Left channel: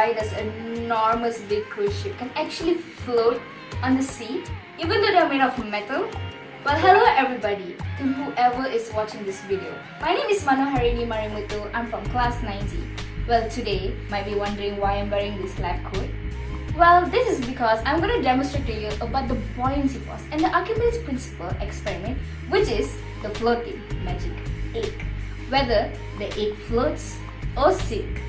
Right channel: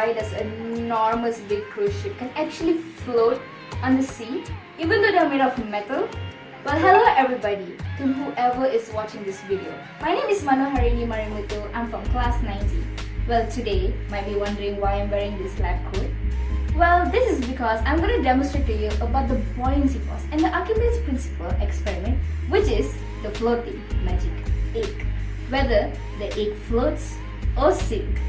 why does an enormous big cruise ship can actually float on the sea even though they're made of metal? Well, hello everybody, to whoever is watching this video. My name is Manoharini Marimuthu. I'm from class 90. Well, today, might be wondering why I'm wearing this lab coat. Well, this is because I'm going to demonstrate to you about the buoyancy force and the Archimedes principle experiment, which is the floating magic egg. Whether the egg floats or sinks.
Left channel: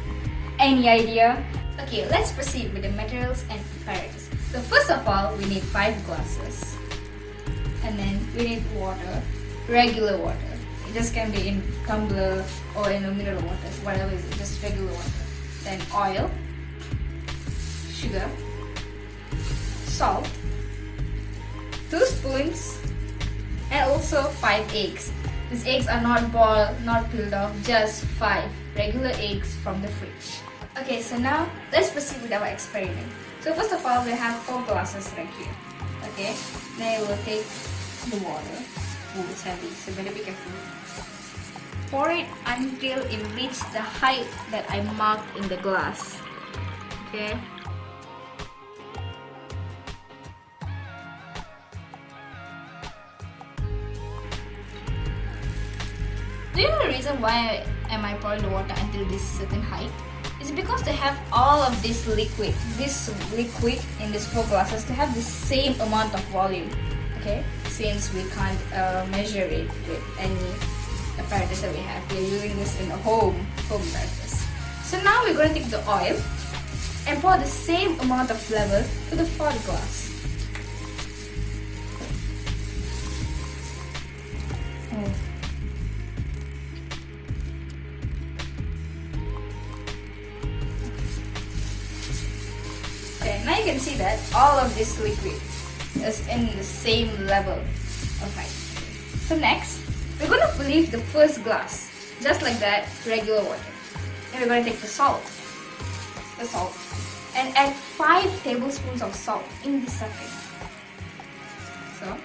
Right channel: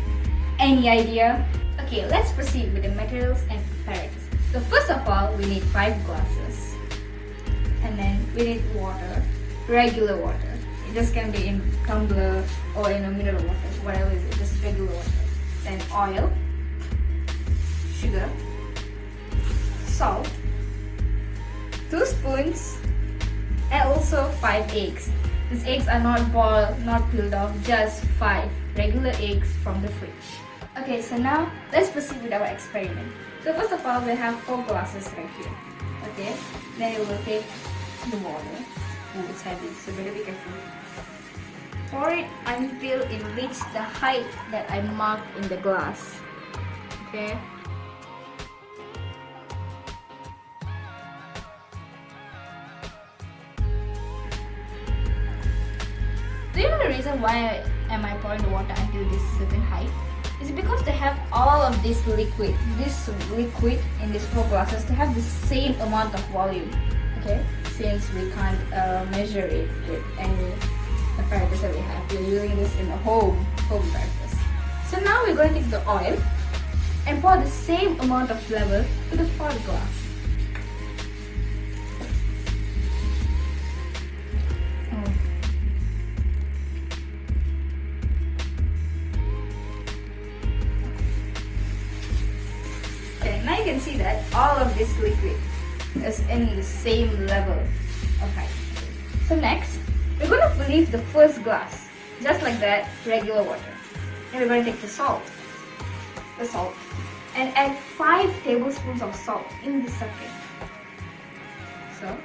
Any idea? Okay, let's proceed with the materials and apparatus. So first of all, we need 5 glasses. And then we need water, regular water. It just can be in tumbler or in a mineral water, whatever it is, just regular water. Then oil, sugar, salt, 2 spoons, and also 5 eggs. These eggs are not boiled, not peeled off, just 5 regular eggs from the fridge. Okay, so now let's proceed with our experiment. So first of all, we have 4 glasses right here. Okay, then we'll take the water. Oh, it's heavy, so better be careful. Pour it until it reaches the height that I marked in the glass. Okay. Do you know the reason why am I pouring the water until this certain height? It's because they have all of this liquid in these 4 glasses to have the same amount of volume. Okay, since we can't measure it with any apparatus that we have, we're using this in a home apparatus. So now we're going to take the oil and pour the same amount of level to the 4th glass. Oh. Okay, now you can see that all of this liquid is in the same level of height. So next, we're going to fill the first glass, just like that, regular water. And we're going to take the salt, and add 5 tablespoons of salt in the second. So,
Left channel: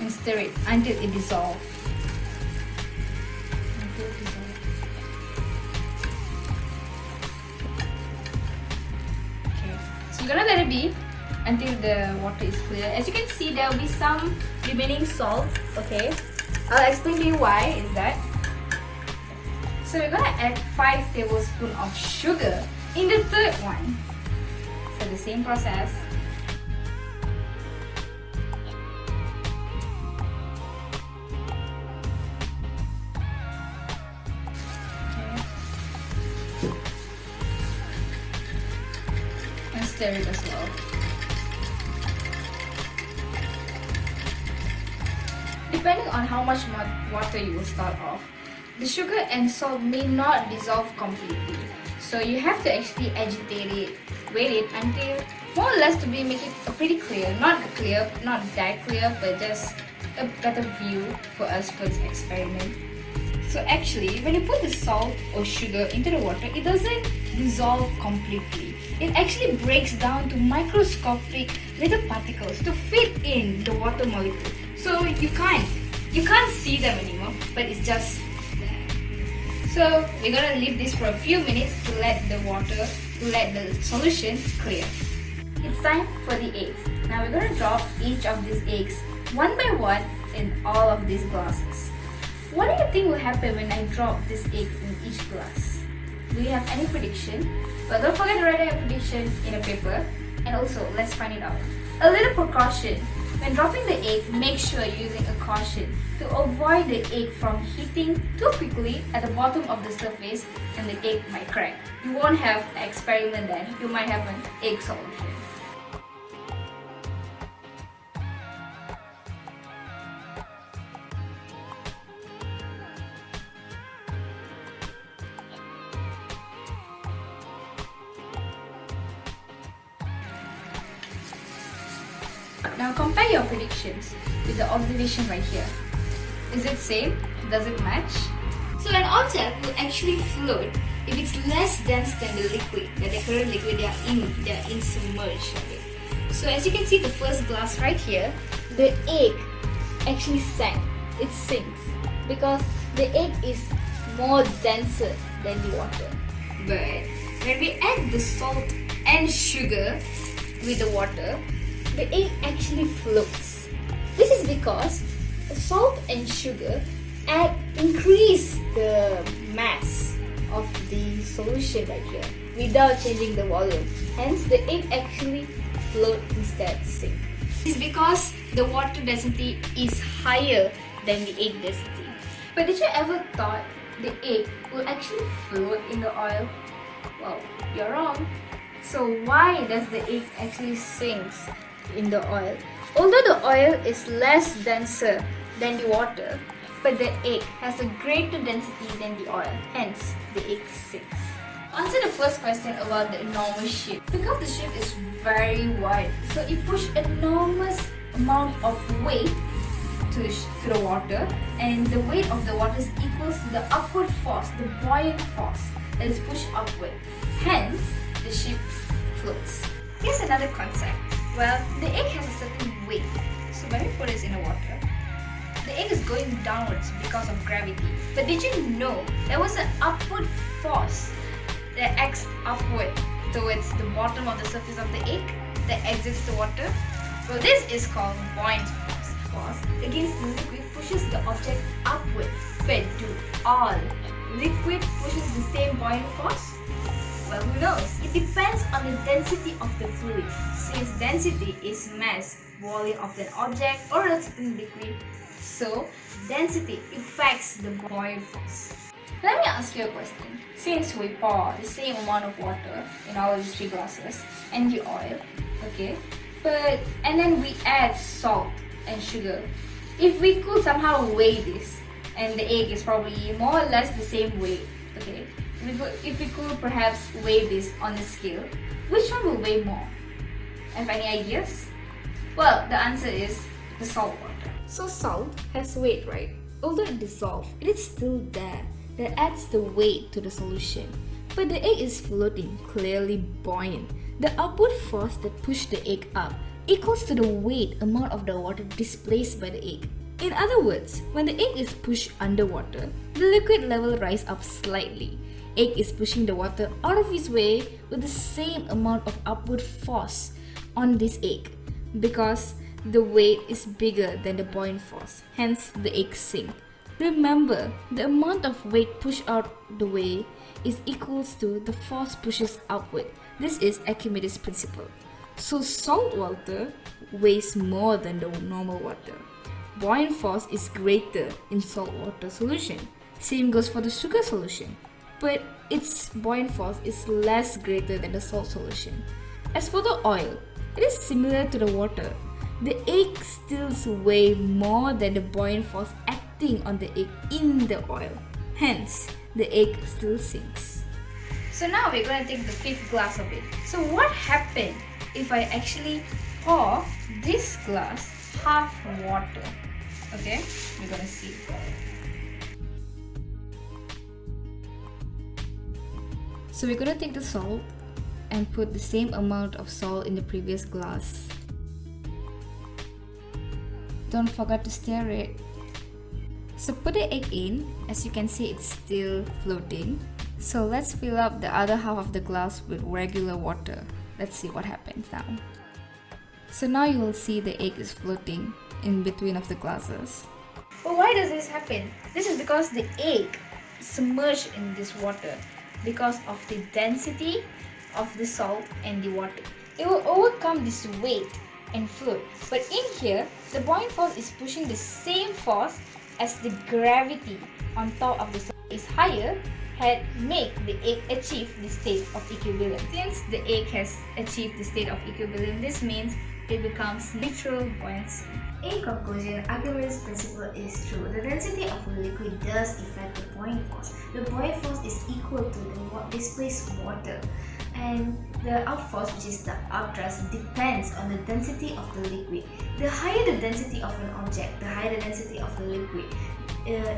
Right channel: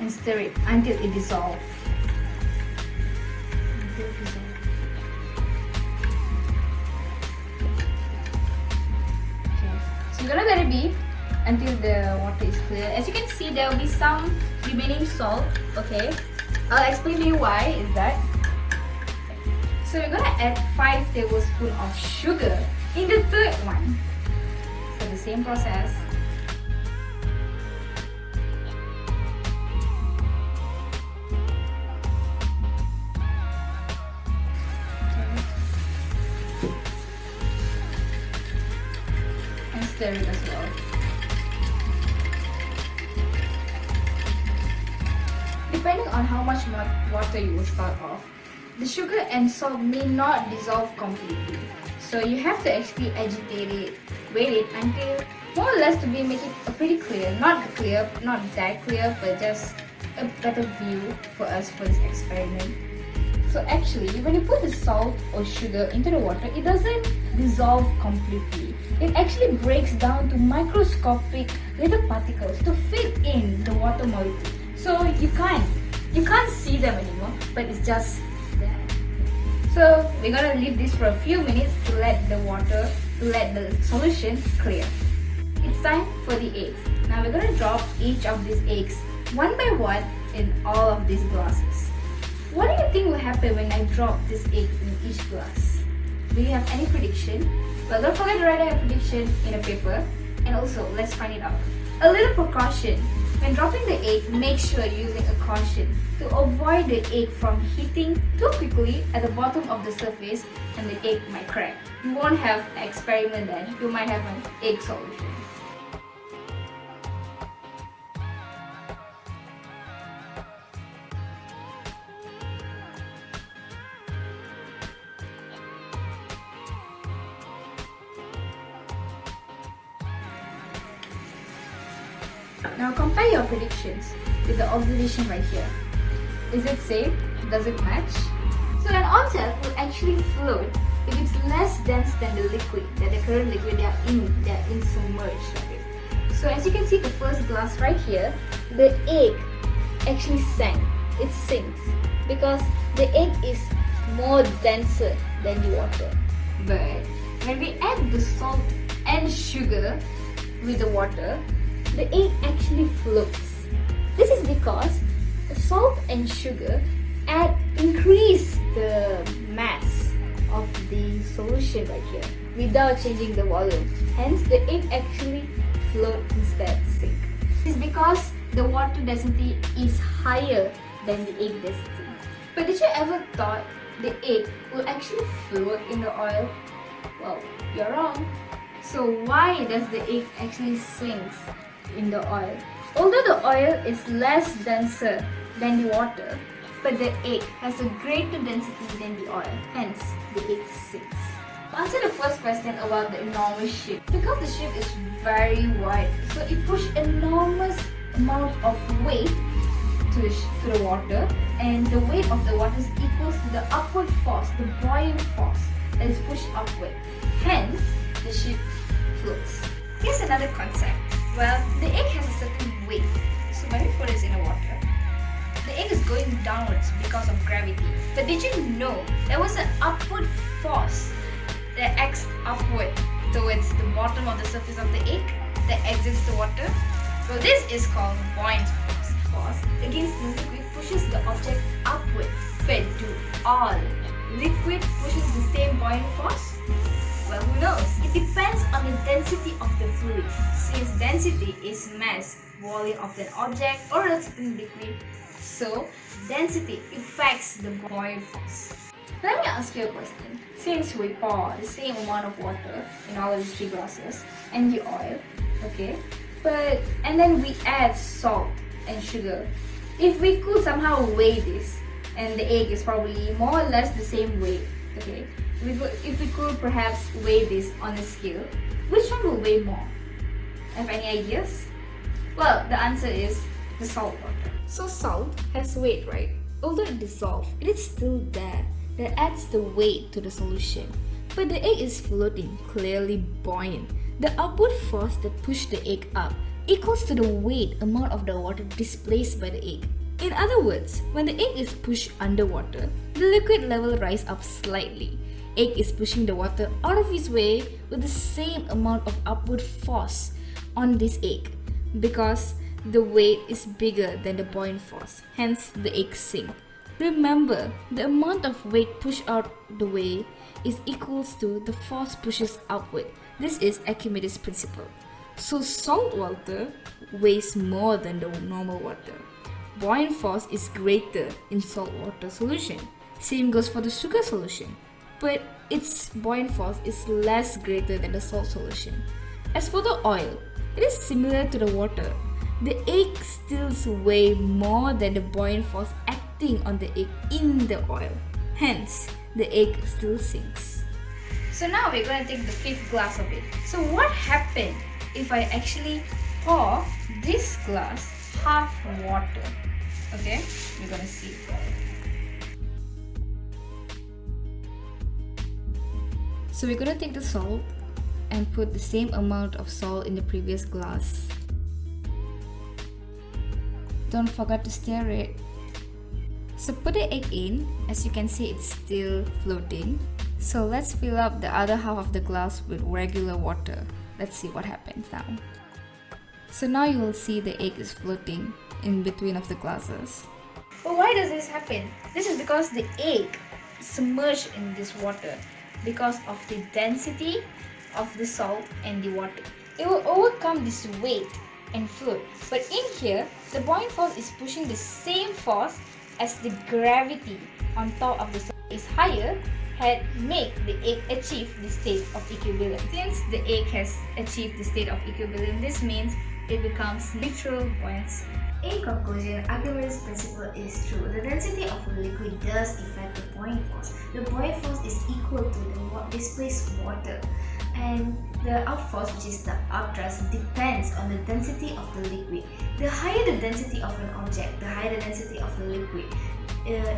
and stir it until it dissolves. Okay, so you're gonna let it be until the water is clear. As you can see, there will be some remaining salt. Okay, I'll explain to you why is that. So we're gonna add 5 tablespoons of sugar in the 3rd one. So the same process. And stir it as well. Depending on how much more water you will start off, the sugar and salt may not dissolve completely. So you have to actually agitate it, wait it until more or less to be make it pretty clear. Not clear, not that clear, but just a better view for us for this experiment. So actually, when you put the salt or sugar into the water, it doesn't dissolve completely. It actually breaks down to microscopic little particles to fit in the water molecule. So you can't see them anymore, but it's just there. So we're gonna leave this for a few minutes to let the solution clear. It's time for the eggs. Now we're gonna drop each of these eggs one by one in all of these glasses. What do you think will happen when I drop this egg in each glass? Do you have any prediction? Well, don't forget to write down your prediction in a paper. And also, let's find it out. A little precaution. When dropping the egg, make sure you're using a caution to avoid the egg from hitting too quickly at the bottom of the surface and the egg might crack. You won't have an experiment then. You might have an egg solution. Now compare your predictions with the observation right here. Is it same? Does it match? So an object will actually float if it's less dense than the liquid, that the current liquid they are in submerged of it. So as you can see the first glass right here, the egg actually sank. It sinks because the egg is more denser than the water. But when we add the salt and sugar with the water, the egg actually floats. This is because the salt and sugar increase the mass of the solution right here without changing the volume. Hence, the egg actually float instead sink. This is because the water density is higher than the egg density. But did you ever thought the egg will actually float in the oil? Well, you're wrong. So why does the egg actually sinks in the oil? Although the oil is less denser than the water, but the egg has a greater density than the oil, hence the egg sinks. To answer the first question about the enormous ship, because the ship is very wide, so it pushes enormous amount of weight to the water, and the weight of the water is equals to the upward force, the buoyant force that is pushed upward. Hence, the ship floats. Here's another concept. Well, the egg has a certain weight, so when we put it in the water, the egg is going downwards because of gravity. But did you know there was an upward force that acts upward towards the bottom of the surface of the egg that exits the water? Well, this is called buoyant force. Force against the liquid pushes the object upward. But do all liquid pushes the same buoyant force? Well, who knows? It depends on the density of the fluid. Since density is mass, volume of an object or a certain liquid, so density affects the buoyant force. Let me ask you a question. Since we pour the same amount of water in all of the 3 glasses and the oil, okay, and then we add salt and sugar, if we could somehow weigh this, and the egg is probably more or less the same weight, okay, if we could perhaps weigh this on a scale, which one will weigh more? Have any ideas? Well, the answer is the salt water. So salt has weight, right? Although it dissolves, it is still there. That adds the weight to the solution. But the egg is floating, clearly buoyant. The upward force that pushed the egg up equals to the weight amount of the water displaced by the egg. In other words, when the egg is pushed underwater, the liquid level rises up slightly. Egg is pushing the water out of its way with the same amount of upward force on this egg because the weight is bigger than the buoyant force, hence the egg sinks. Remember, the amount of weight pushed out the way is equals to the force pushes upward. This is Archimedes' principle. So salt water weighs more than the normal water. Buoyant force is greater in salt water solution. Same goes for the sugar solution, but its buoyant force is less greater than the salt solution. As for the oil, it is similar to the water. The egg still weighs more than the buoyant force acting on the egg in the oil. Hence, the egg still sinks. So now we're going to take the 5th glass of it. So what happened if I actually pour this glass half water? Okay, we're going to see. So we're going to take the salt and put the same amount of salt in the previous glass. Don't forget to stir it. So put the egg in. As you can see, it's still floating. So let's fill up the other half of the glass with regular water. Let's see what happens now. So now you will see the egg is floating in between of the glasses. Well, why does this happen? This is because the egg is submerged in this water because of the density of the salt and the water. It will overcome this weight and float. But in here, the buoyant force is pushing the same force as the gravity on top of the salt is higher, had make the egg achieve the state of equilibrium. Since the egg has achieved the state of equilibrium, this means it becomes neutral buoyancy. In conclusion, Archimedes' principle is true. The density of a liquid does affect the buoyant force. The buoyant force is equal to the displaced water, and the up force, which is the upthrust, depends on the density of the liquid. The higher the density of an object, the higher the density of the liquid.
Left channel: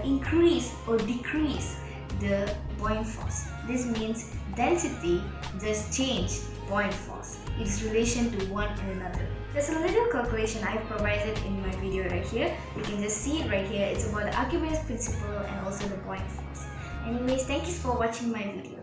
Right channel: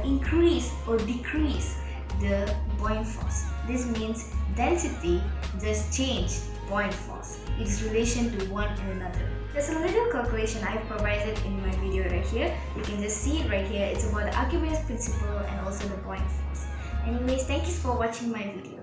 Increase or decrease the buoyant force. This means density does change buoyant force. Its relation to one another. There's a little calculation I've provided in my video right here. You can just see it right here. It's about the Archimedes principle and also the buoyant force. Anyways, thank you for watching my video.